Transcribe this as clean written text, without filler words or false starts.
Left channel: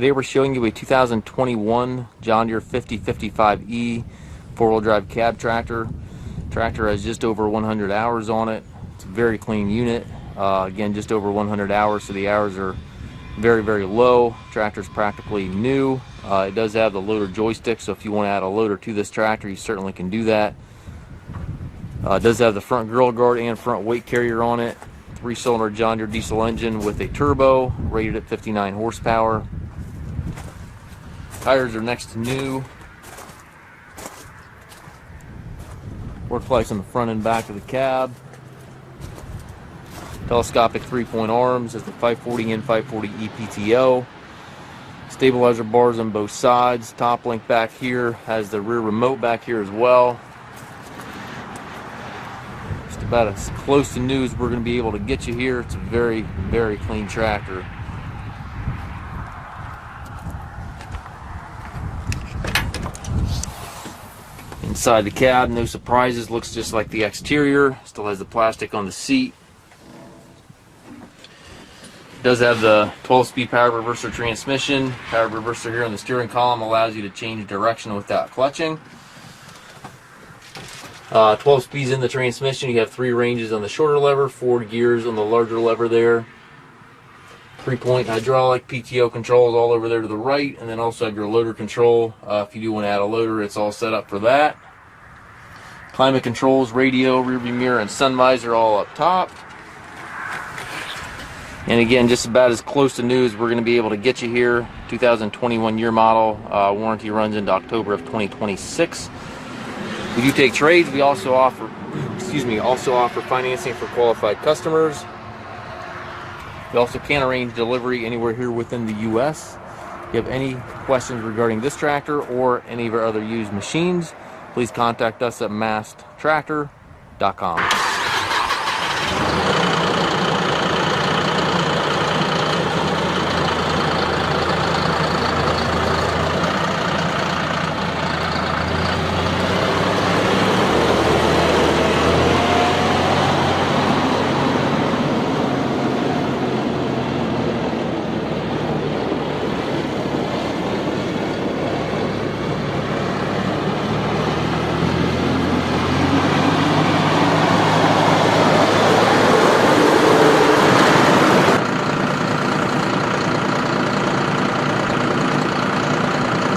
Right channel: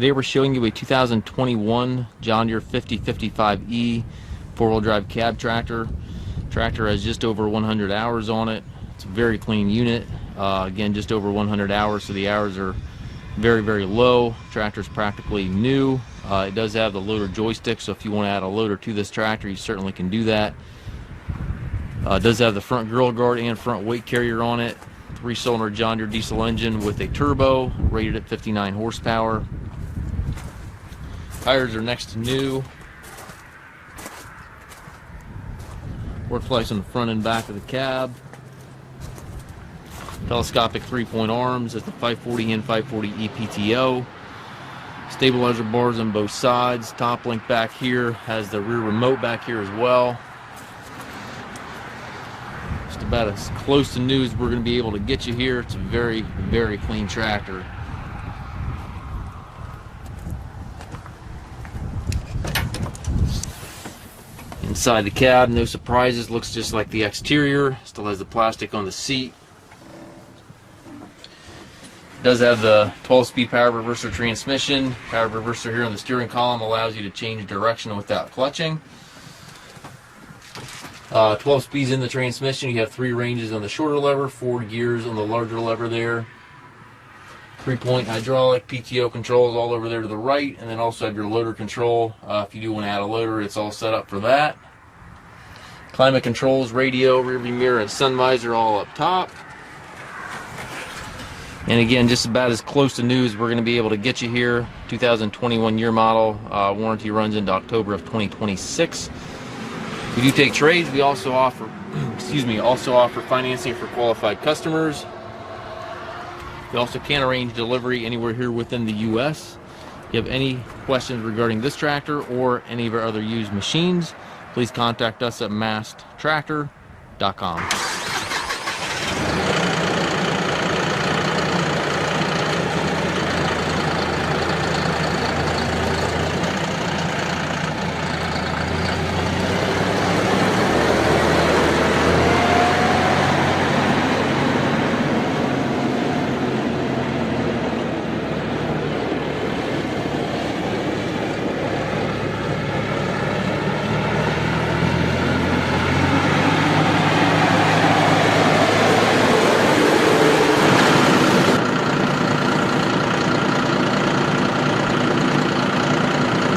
Today we're showing you a 2021 John Deere 5055E four-wheel drive cab tractor. Tractor has just over 100 hours on it. It's a very clean unit. Again, just over 100 hours, so the hours are very, very low. Tractor's practically new. It does have the loader joystick, so if you want to add a loader to this tractor, you certainly can do that. It does have the front grill guard and front weight carrier on it. 3-cylinder John Deere diesel engine with a turbo, rated at 59 horsepower. Tires are next to new. Work flex on the front and back of the cab. Telescopic 3-point arms at the 540 and 540 EPTO. Stabilizer bars on both sides. Top link back here has the rear remote back here as well. Just about as close to new as we're going to be able to get you here. It's a very, very clean tractor. Inside the cab, no surprises, looks just like the exterior. Still has the plastic on the seat. It does have the 12-speed power reverser transmission. Power reverser here on the steering column allows you to change direction without clutching. 12 speeds in the transmission. You have 3 ranges on the shorter lever, 4 gears on the larger lever there. 3-point hydraulic, PTO controls all over there to the right, and then also have your loader control. If you do want to add a loader, it's all set up for that. Climate controls, radio, rear view mirror, and sun visor all up top. And again, just about as close to new as we're going to be able to get you here. 2021 year model. Warranty runs into October of 2026. We do take trades. We also offer, offer financing for qualified customers. We also can arrange delivery anywhere here within the U.S. If you have any questions regarding this tractor or any of our other used machines, please contact us at masttractor.com.